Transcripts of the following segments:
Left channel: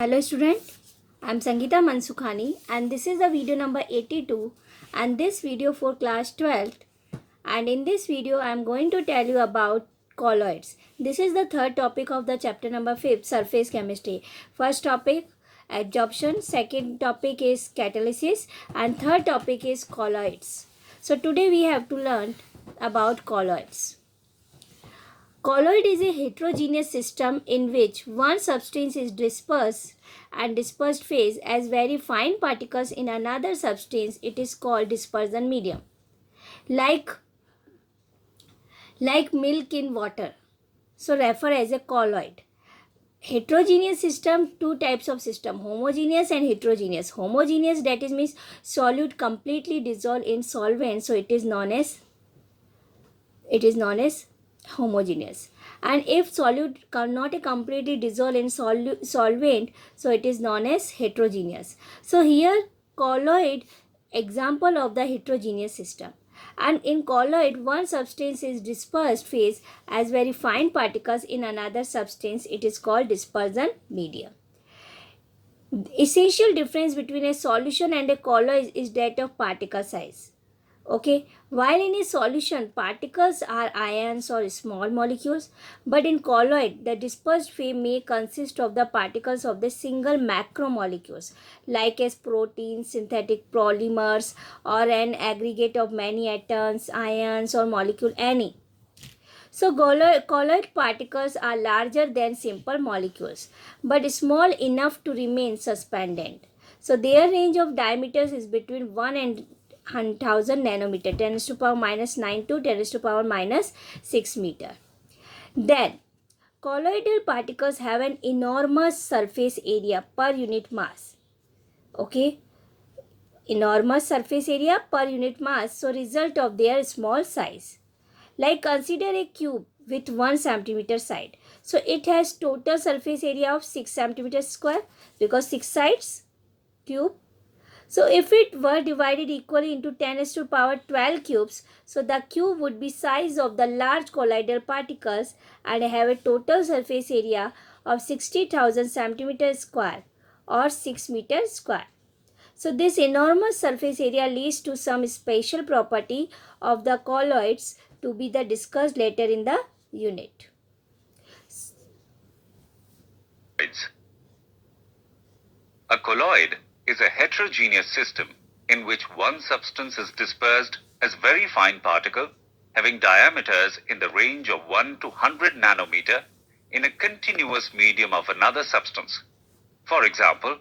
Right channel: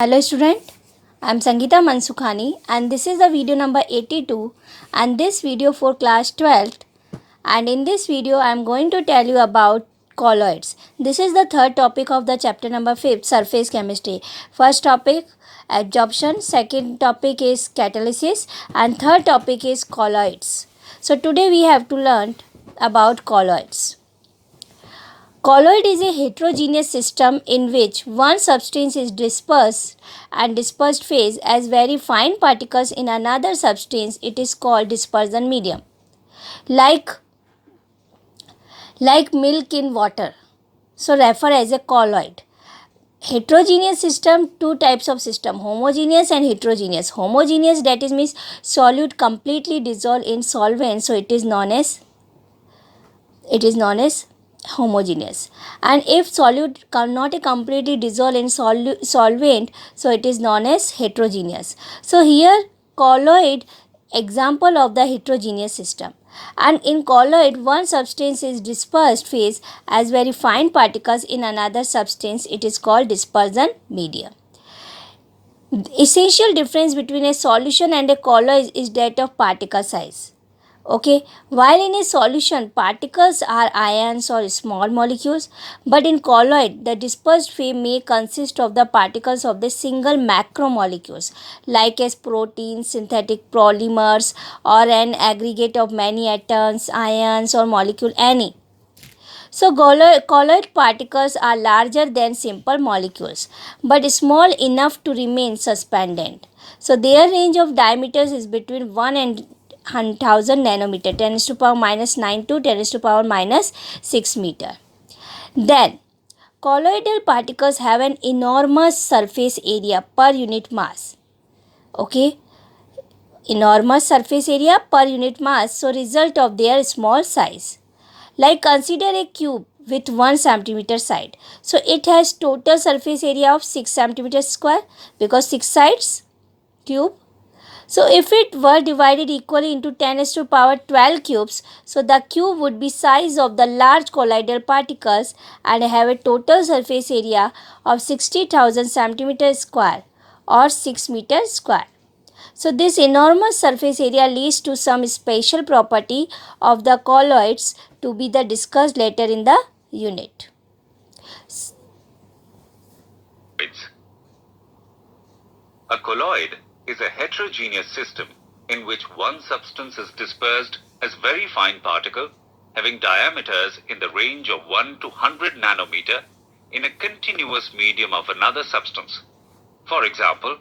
Hello student, I am Sangeeta Mansukhani and this is the video number 82 and this video for class 12th, and in this video I am going to tell you about colloids. This is the third topic of the chapter number 5, surface chemistry. First topic adsorption, second topic is catalysis, and third topic is colloids. So today we have to learn about colloids. Colloid is a heterogeneous system in which one substance is dispersed and dispersed phase as very fine particles in another substance. It is called dispersion medium. Like milk in water. So refer as a colloid. Heterogeneous system, two types of system, homogeneous and heterogeneous. Homogeneous, that is means solute completely dissolved in solvent, so it is known as homogeneous. And if solute cannot completely dissolve in solvent, so it is known as heterogeneous. So here colloid example of the heterogeneous system. And in colloid, one substance is dispersed phase as very fine particles in another substance. It is called dispersion medium. Essential difference between a solution and a colloid is that of particle size. Okay, while in a solution particles are ions or small molecules, but in colloid the dispersed phase may consist of the particles of the single macromolecules like as proteins, synthetic polymers, or an aggregate of many atoms, ions, or molecule any. So colloid particles are larger than simple molecules but small enough to remain suspended. So their range of diameters is between 1 and 1000 nanometer, 10 to power minus 9 to 10 to power minus 6 meter. Then colloidal particles have an enormous surface area per unit mass. Okay, enormous surface area per unit mass, so result of their small size. Like consider a cube with 1 centimeter side. So it has total surface area of 6 centimeters square because 6 sides cube. So if it were divided equally into 10 to power 12 cubes, so the cube would be size of the large colloidal particles and have a total surface area of 60,000 centimeters square or 6 meters square. So this enormous surface area leads to some special property of the colloids to be discussed later in the unit. A colloid is a heterogeneous system in which one substance is dispersed as very fine particle having diameters in the range of 1 to 100 nanometer in a continuous medium of another substance. For example,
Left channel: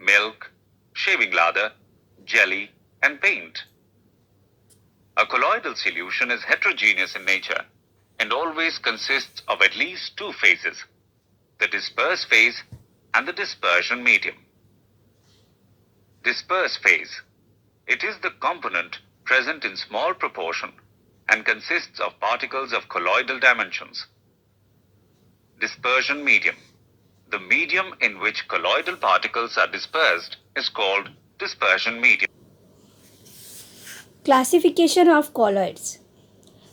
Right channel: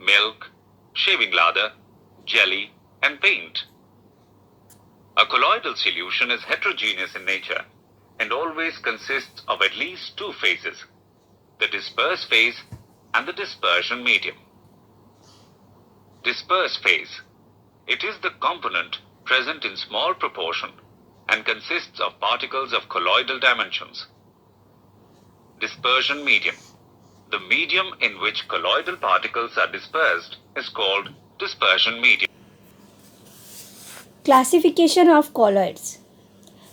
milk, shaving lather, jelly, and paint. A colloidal solution is heterogeneous in nature and always consists of at least two phases, the dispersed phase and the dispersion medium. Dispersed phase. It is the component present in small proportion and consists of particles of colloidal dimensions. Dispersion medium. The medium in which colloidal particles are dispersed is called dispersion medium. Classification of colloids.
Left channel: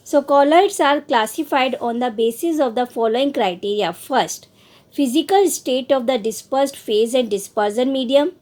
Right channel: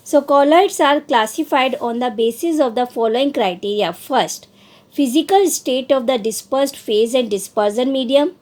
So colloids are classified on the basis of the following criteria. First, physical state of the dispersed phase and dispersion medium.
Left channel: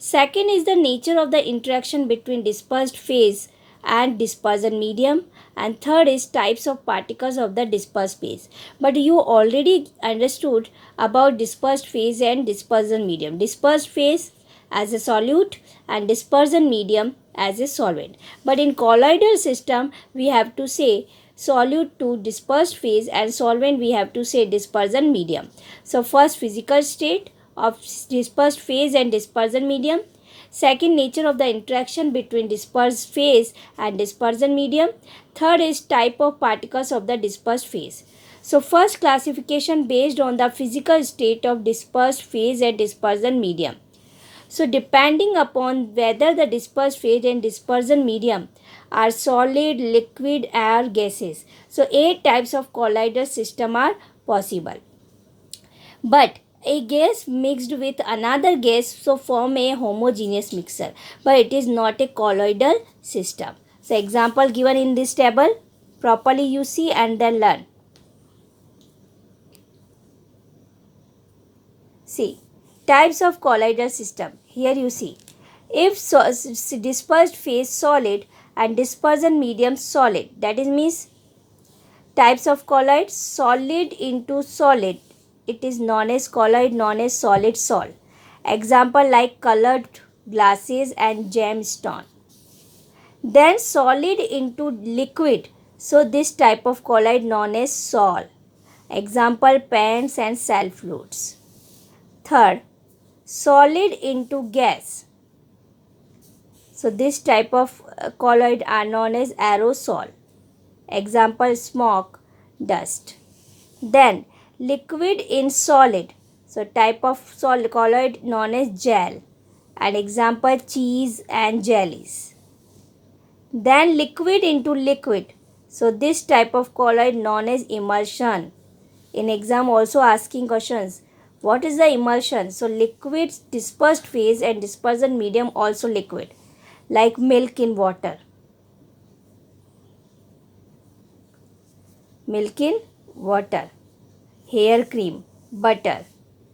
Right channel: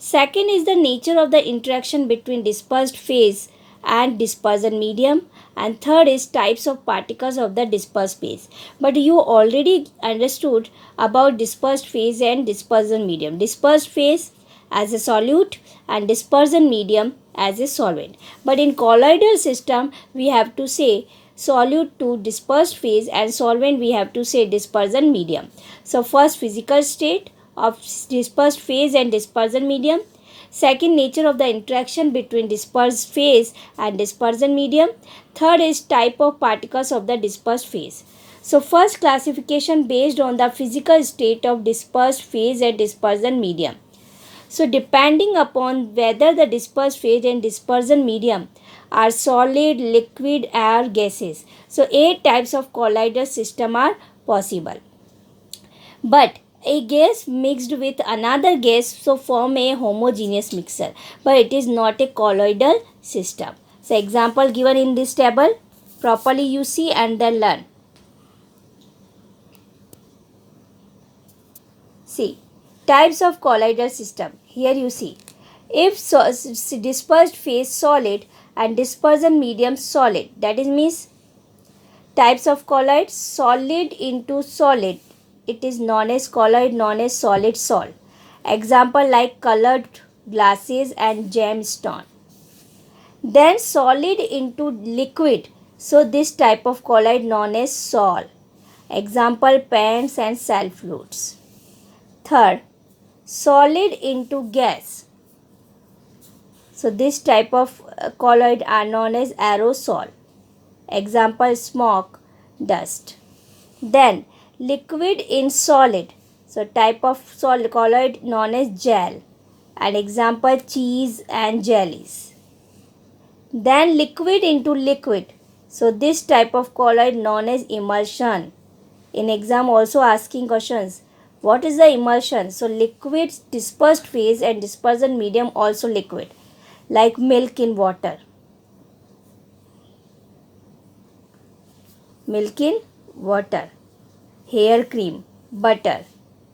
Second is the nature of the interaction between dispersed phase and dispersion medium, and third is types of particles of the dispersed phase. But you already understood about dispersed phase and dispersion medium. Dispersed phase as a solute and dispersion medium as a solvent. But in colloidal system we have to say solute to dispersed phase and solvent we have to say dispersion medium. So first, physical state of dispersed phase and dispersion medium. Second, nature of the interaction between dispersed phase and dispersion medium. Third is type of particles of the dispersed phase. So first, classification based on the physical state of dispersed phase and dispersion medium. So depending upon whether the dispersed phase and dispersion medium are solid, liquid, or gases. So 8 types of colloidal system are possible. But a gas mixed with another gas so form a homogeneous mixture, but it is not a colloidal system. So example given in this table, properly you see and then learn. See, Types of colloidal system. Here you see. If dispersed phase solid and dispersion medium solid, that is means types of colloid solid into solid. It is known as colloid, known as solid sol. Example like colored glasses and gemstone. Then solid into liquid. So this type of colloid known as sol. Example paints and cell fluids. Third, solid into gas. So this type of colloid are known as aerosol. Example smoke, dust. Then liquid in solid. So type of solid colloid known as gel. And example cheese and jellies. Then liquid into liquid. So this type of colloid known as emulsion. In exam also asking questions. What is the emulsion? So liquid dispersed phase and dispersion medium also liquid. Like milk in water. Milk in water. Hair cream, butter.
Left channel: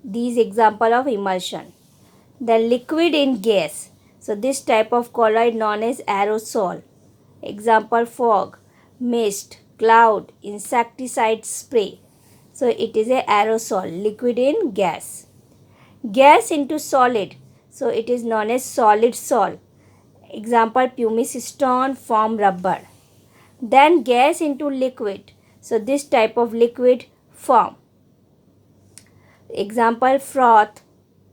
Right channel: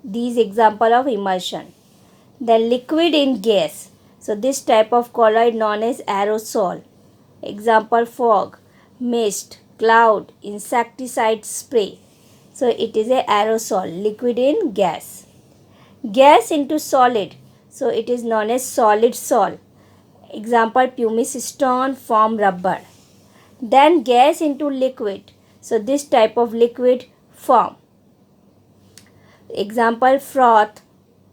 These example of emulsion. The liquid in gas. So this type of colloid known as aerosol. Example fog, mist, cloud, insecticide spray. So it is a aerosol, liquid in gas. Gas into solid. So it is known as solid sol. Example pumice stone form rubber. Then gas into liquid. So this type of liquid form. Example froth,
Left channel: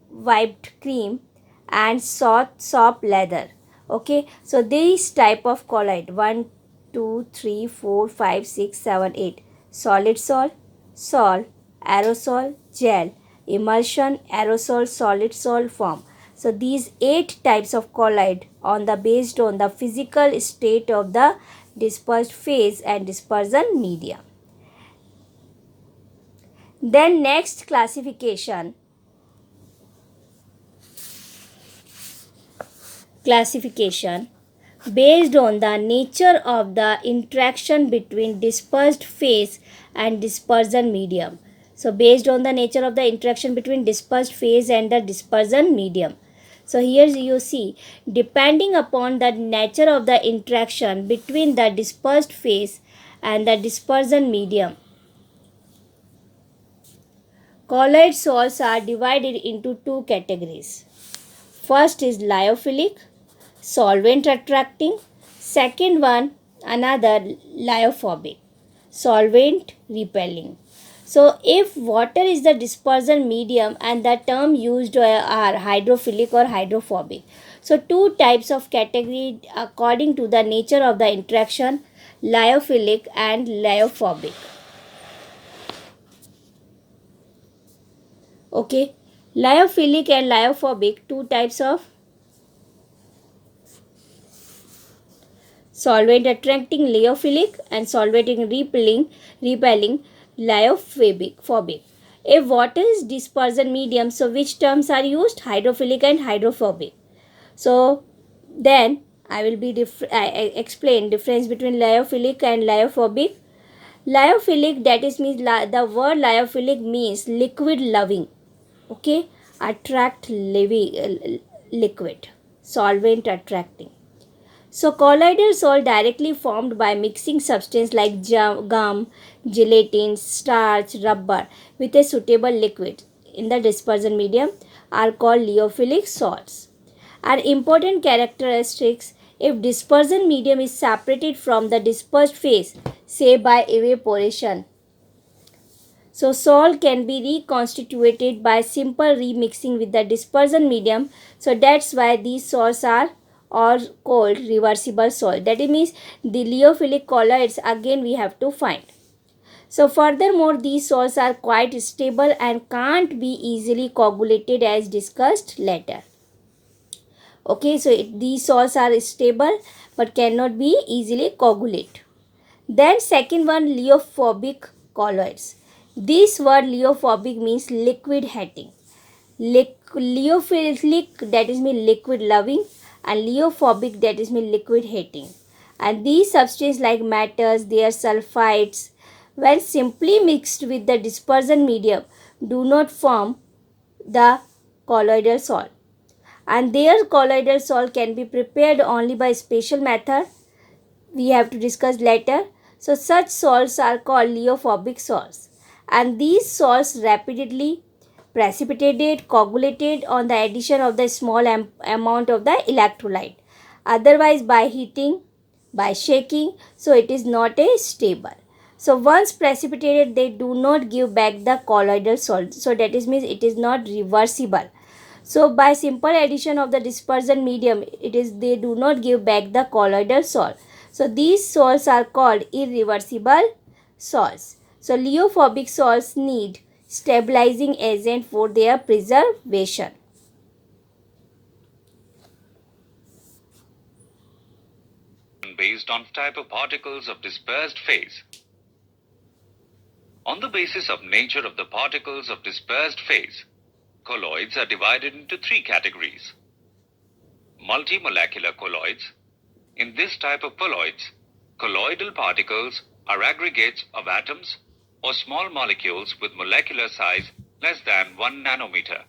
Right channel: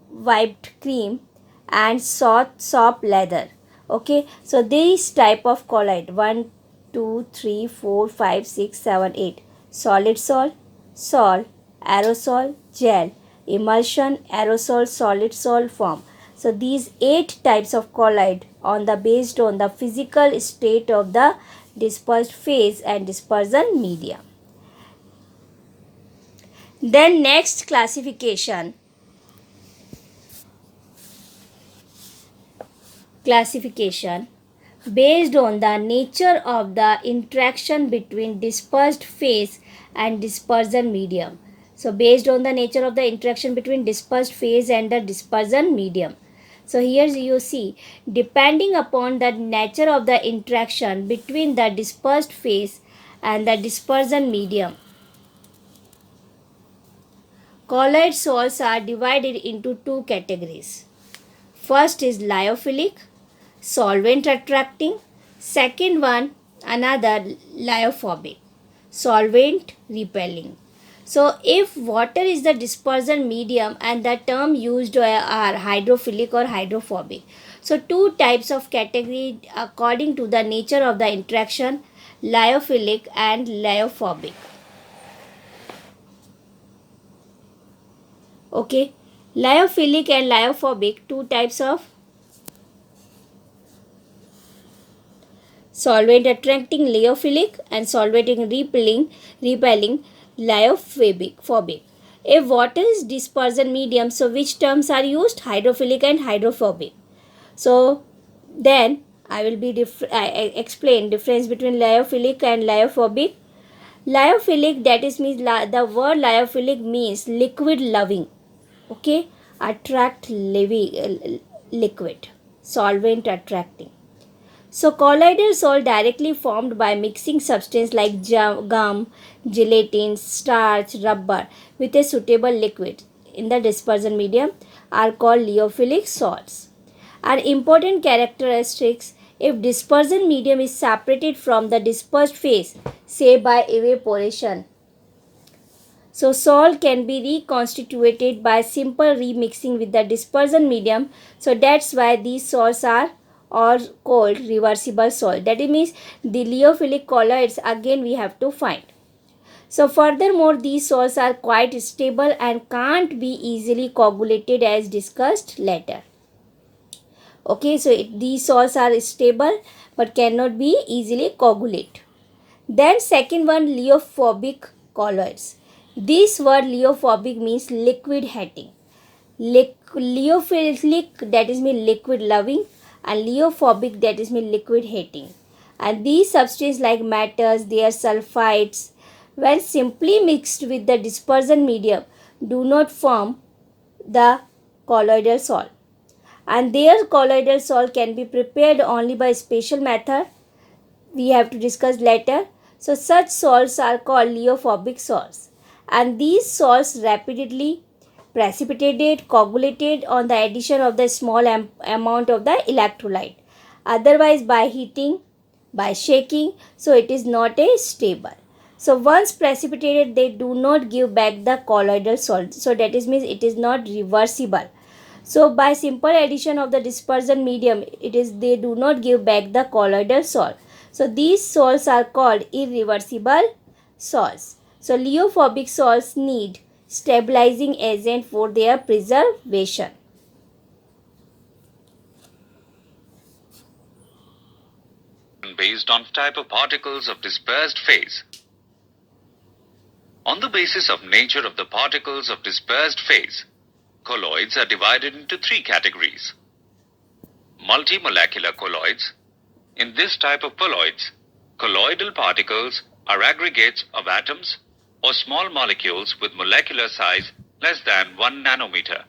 wiped cream and soap leather. Okay, so this type of colloid 1, 2, 3, 4, 5, 6, 7, 8. Solid sol, sol, aerosol, gel, emulsion, aerosol, solid sol form. So these 8 types of colloid based on the physical state of the dispersed phase and dispersion medium. Then next classification based on the nature of the interaction between dispersed phase and dispersion medium. So based on the nature of the interaction between dispersed phase and the dispersion medium. So here you see, depending upon the nature of the interaction between the dispersed phase and the dispersion medium, colloid salts are divided into 2 categories. First is lyophilic, solvent attracting. Second one, another lyophobic, solvent repelling. So if water is the dispersion medium and the term used are hydrophilic or hydrophobic. So 2 types of category according to the nature of the interaction, lyophilic and lyophobic. Okay, lyophilic and lyophobic, 2 types of solvent attracting lyophilic and solvent repelling lyophobic. If water is dispersion medium, so which terms are used? Hydrophilic and hydrophobic. So then I will be explain difference between lyophilic and lyophobic. Lyophilic, that is means the word lyophilic means liquid loving. Okay, attract liquid, solvent attracting. So colloidal salt directly formed by mixing substance like gum, gelatin, starch, rubber with a suitable liquid in the dispersion medium are called lyophilic salts. Are important characteristics if dispersion medium is separated from the dispersed phase, say by evaporation. So salt can be reconstituted by simple remixing with the dispersion medium. So that's why these salts are called reversible salt. That means the lyophilic colloids again we have to find. So furthermore, these salts are quite stable and can't be easily coagulated as discussed later. Okay, so these salts are stable but cannot be easily coagulated. Then second one, lyophobic colloids. This word lyophobic means liquid hating. Lyophilic, that is mean liquid loving, and lyophobic, that is mean liquid hating. And these substances like matters, their sulfides, when simply mixed with the dispersion medium, do not form the colloidal salt. And their colloidal salt can be prepared only by special method we have to discuss later. So such salts are called leophobic salts, and these salts rapidly precipitated coagulated on the addition of the small amount of the electrolyte, otherwise by heating, by shaking, so it is not a stable. So once precipitated, they do not give back the colloidal salt, so that is means it is not reversible. So by simple addition of the dispersion medium, it is they do not give back the colloidal salt. So these salts are called irreversible salts. So leophobic salts need stabilizing agent for their preservation. Based on type of particles of dispersed phase. On the basis of nature of the particles of dispersed phase, colloids are divided into three categories. Multimolecular colloids. In this type of colloids, colloidal particles are aggregates of atoms or small molecules with molecular size less than 1 nanometer.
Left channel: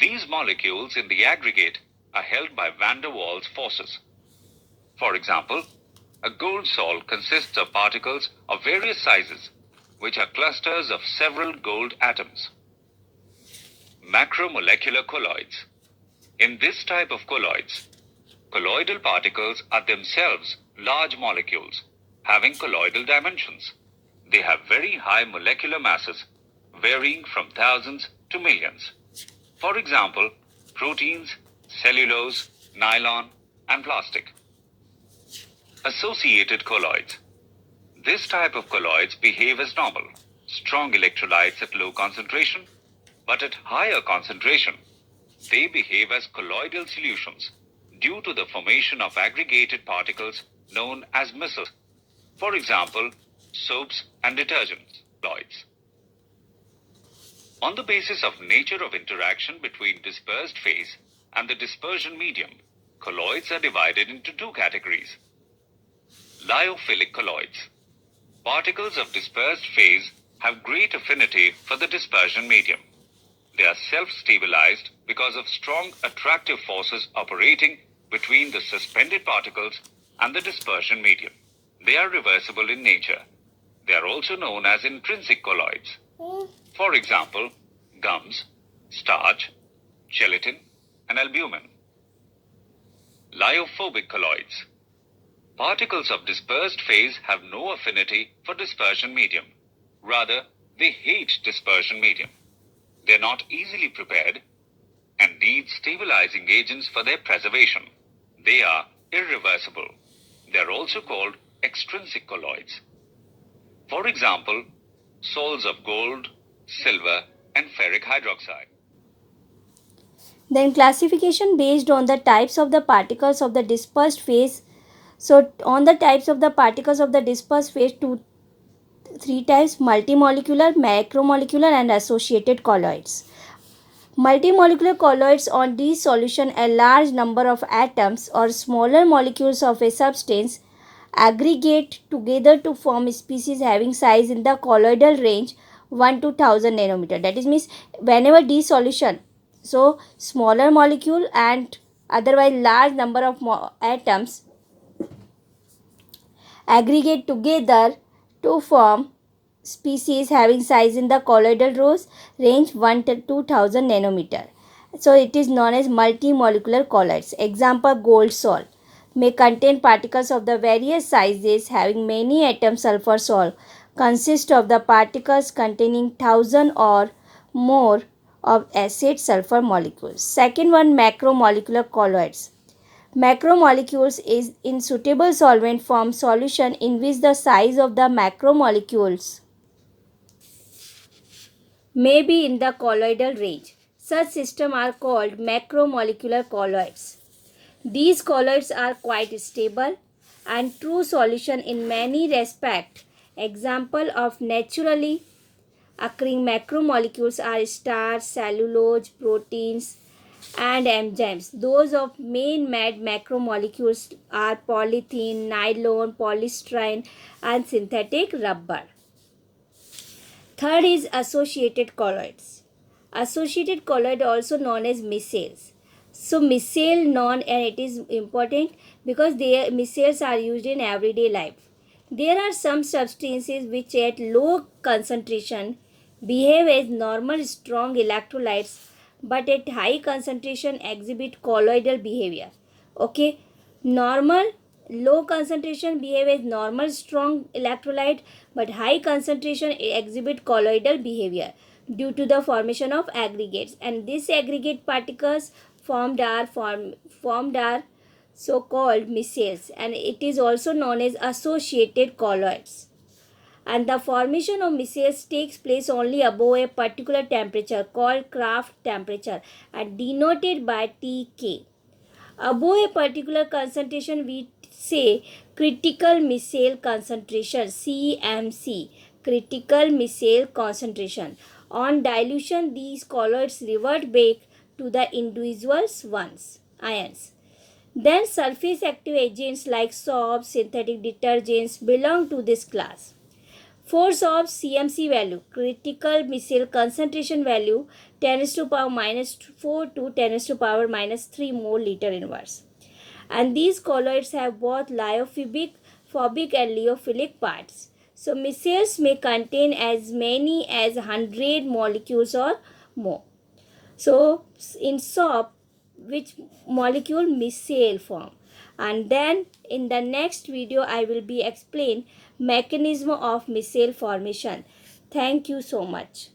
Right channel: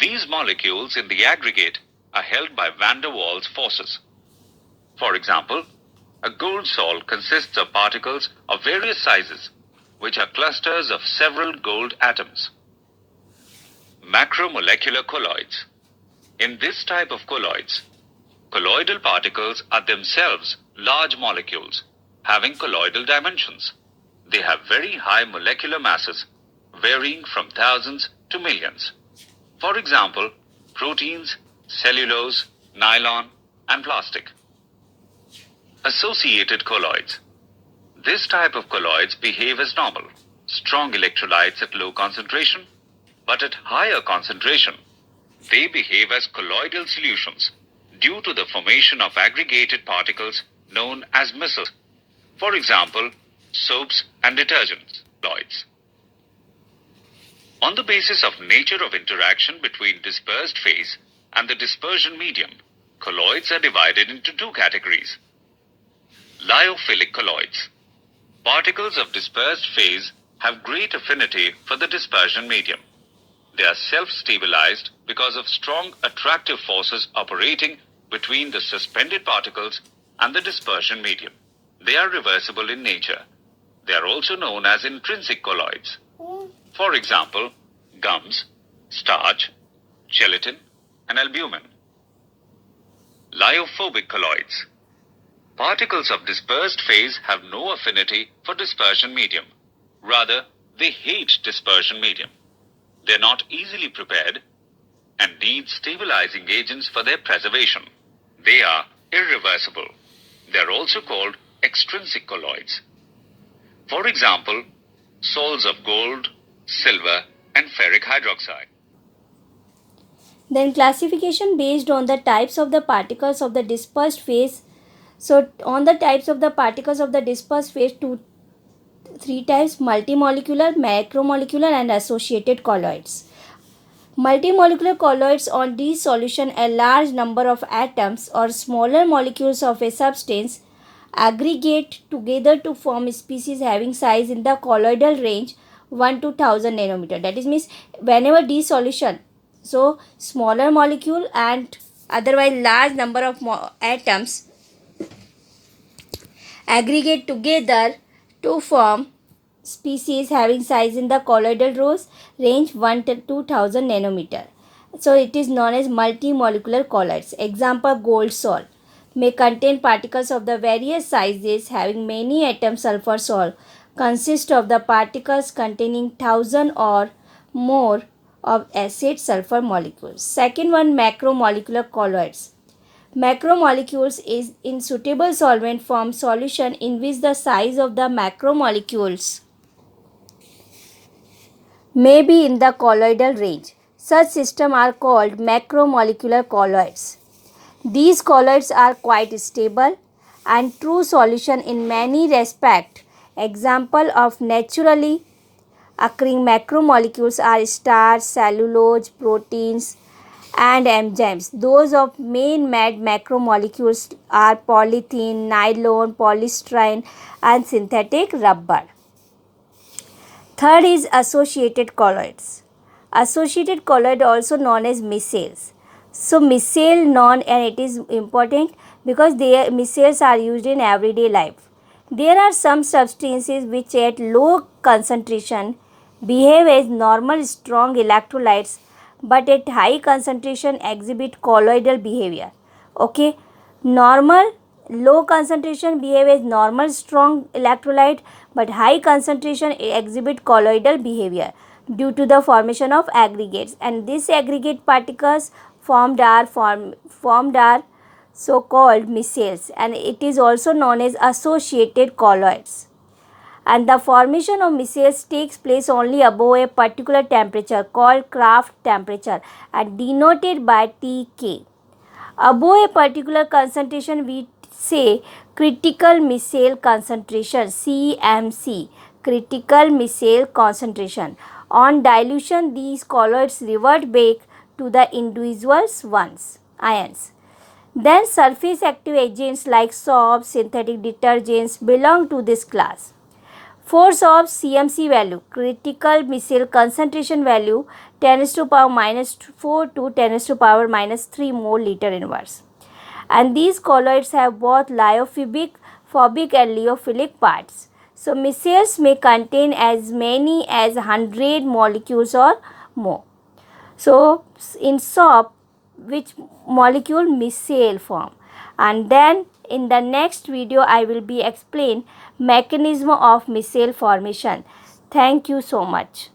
These molecules in the aggregate are held by van der Waals forces. For example, a gold salt consists of particles of various sizes, which are clusters of several gold atoms. Macromolecular colloids. In this type of colloids, colloidal particles are themselves large molecules having colloidal dimensions. They have very high molecular masses, varying from thousands to millions. For example, proteins, cellulose, nylon, and plastic. Associated colloids. This type of colloids behave as normal, strong electrolytes at low concentration, but at higher concentration, they behave as colloidal solutions due to the formation of aggregated particles known as micelles. For example, soaps and detergents, colloids. On the basis of nature of interaction between dispersed phase and the dispersion medium, colloids are divided into two categories. Lyophilic colloids. Particles of dispersed phase have great affinity for the dispersion medium. They are self-stabilized because of strong attractive forces operating between the suspended particles and the dispersion medium. They are reversible in nature. They are also known as intrinsic colloids. For example, gums, starch, gelatin, and albumin. Lyophobic colloids. Particles of dispersed phase have no affinity for dispersion medium. Rather, they hate dispersion medium. They are not easily prepared and need stabilizing agents for their preservation. They are irreversible. They are also called extrinsic colloids. For example, salts of gold, silver, and ferric hydroxide. Then classification based on the types of the particles of the dispersed phase. So on the types of the particles of the dispersed phase, three types: multimolecular, macromolecular, and associated colloids. Multimolecular colloids on dissolution, a large number of atoms or smaller molecules of a substance aggregate together to form species having size in the colloidal range 1 to 1000 nanometer. That is means whenever dissolution, so smaller molecule and otherwise large number of atoms aggregate together to form species having size in the colloidal range 1 to 2000 nanometer. So it is known as multimolecular colloids. Example, gold salt may contain particles of the various sizes having many atoms. Sulfur salt consists of the particles containing 1000 or more of acid sulfur molecules. Second one, macromolecular colloids. Macromolecules is in suitable solvent form solution in which the size of the macromolecules may be in the colloidal range. Such systems are called macromolecular colloids. These colloids are quite stable and true solution in many respects. Example of naturally occurring macromolecules are starch, cellulose, proteins, and enzymes. Those of main made macromolecules are polythene, nylon, polystyrene, and synthetic rubber. Third is associated colloids. associated colloid also known as micelles. So micelle known, and it is important because micelles are used in everyday life. There are some substances which at low concentration behave as normal strong electrolytes, but at high concentration exhibit colloidal behavior. Okay, normal low concentration behave as normal strong electrolyte, but high concentration exhibit colloidal behavior due to the formation of aggregates, and these aggregate particles formed are so called micelles, and it is also known as associated colloids. And the formation of micelles takes place only above a particular temperature called Kraft temperature and denoted by Tk. Above a particular concentration, we say critical micelle concentration, CMC, critical micelle concentration. On dilution, these colloids revert back to the individuals ions. Then surface active agents like soaps, synthetic detergents belong to this class. Force of CMC value, critical micelle concentration value, 10 raised to power minus 4 to 10 raised to power minus 3 mole liter inverse. And these colloids have both lyophobic and lyophilic parts. So micelles may contain as many as 100 molecules or more. So in soap, which molecule micelle form? And then in the next video I will be explain mechanism of micelle formation. Thank you so much.